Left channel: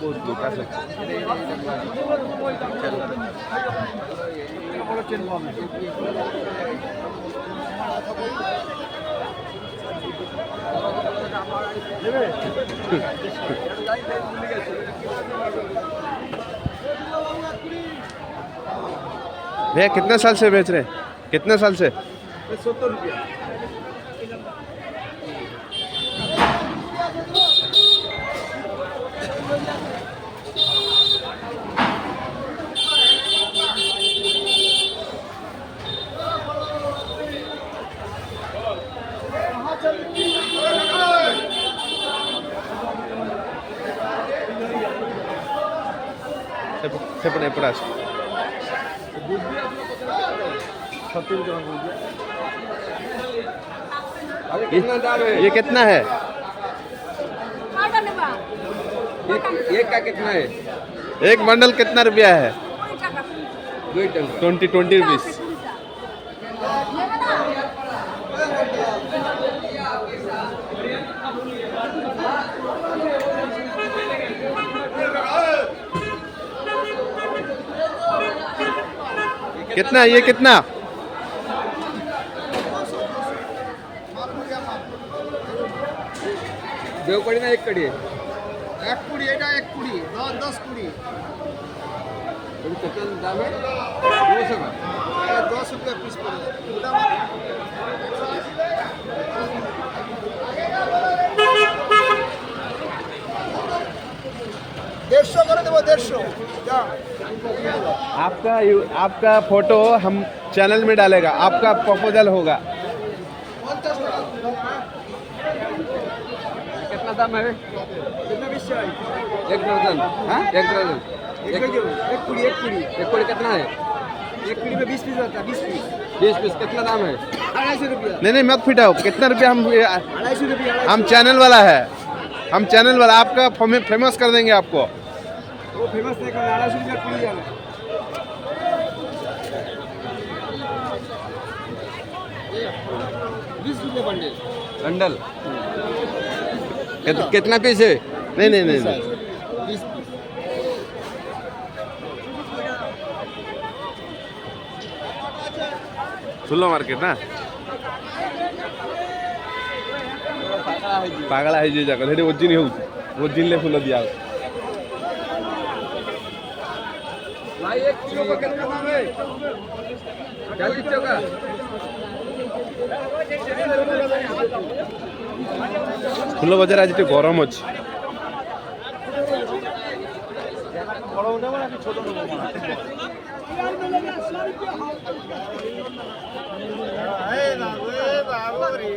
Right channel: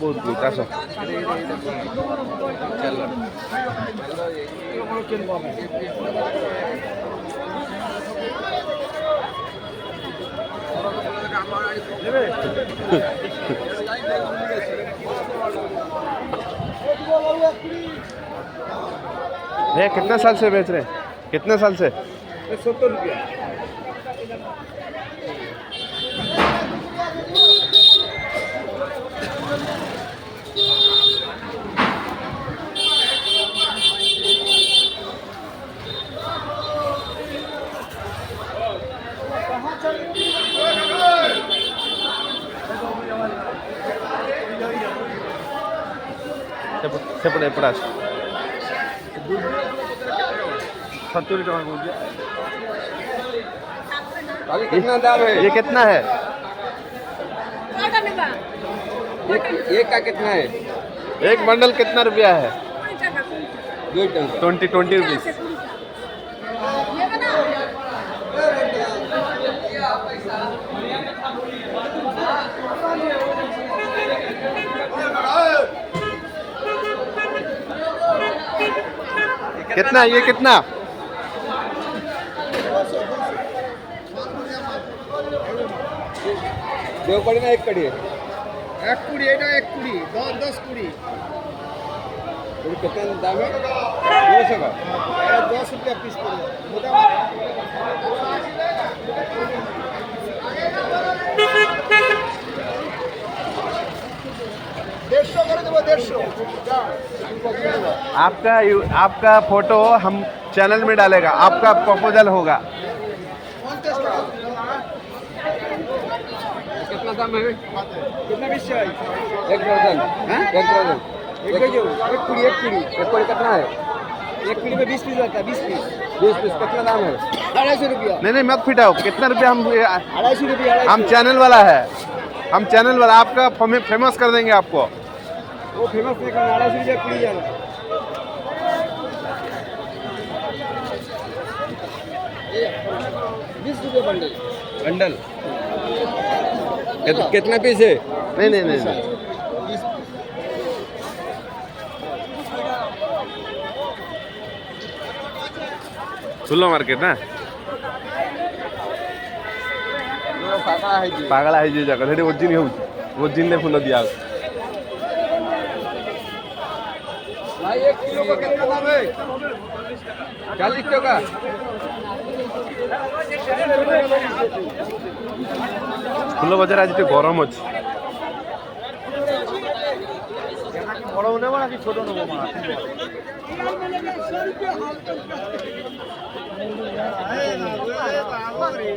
बहुत बहुत आसो भैया कितने साल से बेच रहे हैं? कितने साल से? 70 रुपया। सेपड़े पड़ास 70 टका को कितना दाम है? ये कितना है? एक का कितना है? एक बंडल कितना रुपया है? 2 टका। 20 रुपीस। कितना ये कितना? दो कड़ी ना एक कड़ी है? एक कुड़ी এটা এক কুড়ি 10 কুড়ি कितना दाम है? 200 का। এটা 10 रुपया পিস করে देशो করে দেব 150 आपका फोटो हम चैनल में डालेगा, आपका प्रपोजल होगा। कितना दाम है? कितना पीस चाहिए? एक दर्जन। हाँ? एक दर्जन। एक कुड़ी एक कुड़ी कितना है? एक कुड़ी में 20 पीस रहता है 20 पीस 20 पीस। कितना दाम है? 250 रुपया नहीं मत फिटाओ, कितना रुपया हम 250 रुपया हम चैनल वाला है, हम चैनल वाला आपका फेमस कर देंगे आपको। वो फेमस नहीं करना 250 रुपया कुड़ी वाला 20 रुपया बंडल बंडल। ये तो कितना पीस है? नहीं 20 खुला मार्केट ना पागला है जे जगह हेडी ओजिन होउछ ओजिन ले फुल दिया भाई 1 किलो का कितना दाम है? 40 टका। फुल बाजार आज तो गरम अछि। বড় নেব নাকি ছোট নেব মাছ এই না রে বাবা রে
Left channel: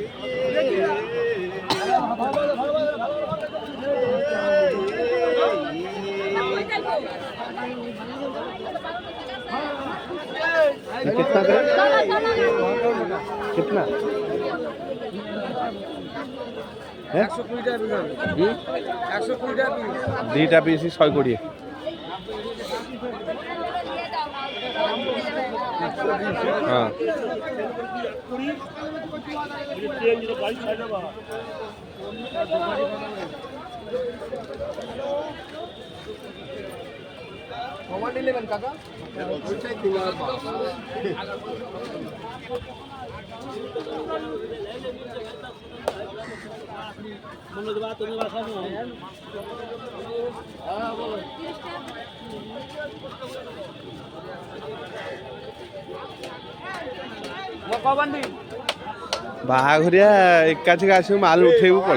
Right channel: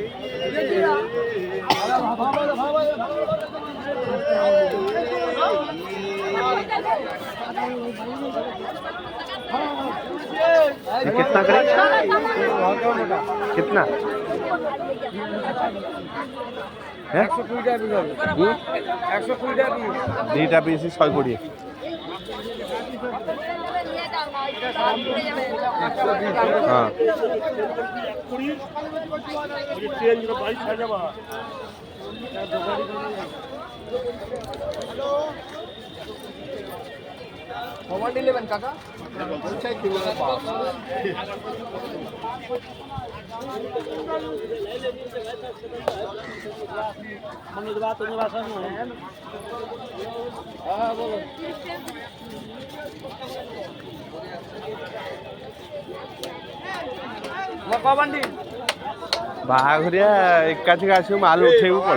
कितना करे? कितना? 120 টাকা বিঘা 120 টাকা দুইটা পিস 120। हाँ मोबाइल 11 काका बाघरिया एकाची आसू माल उठेबू पड़े।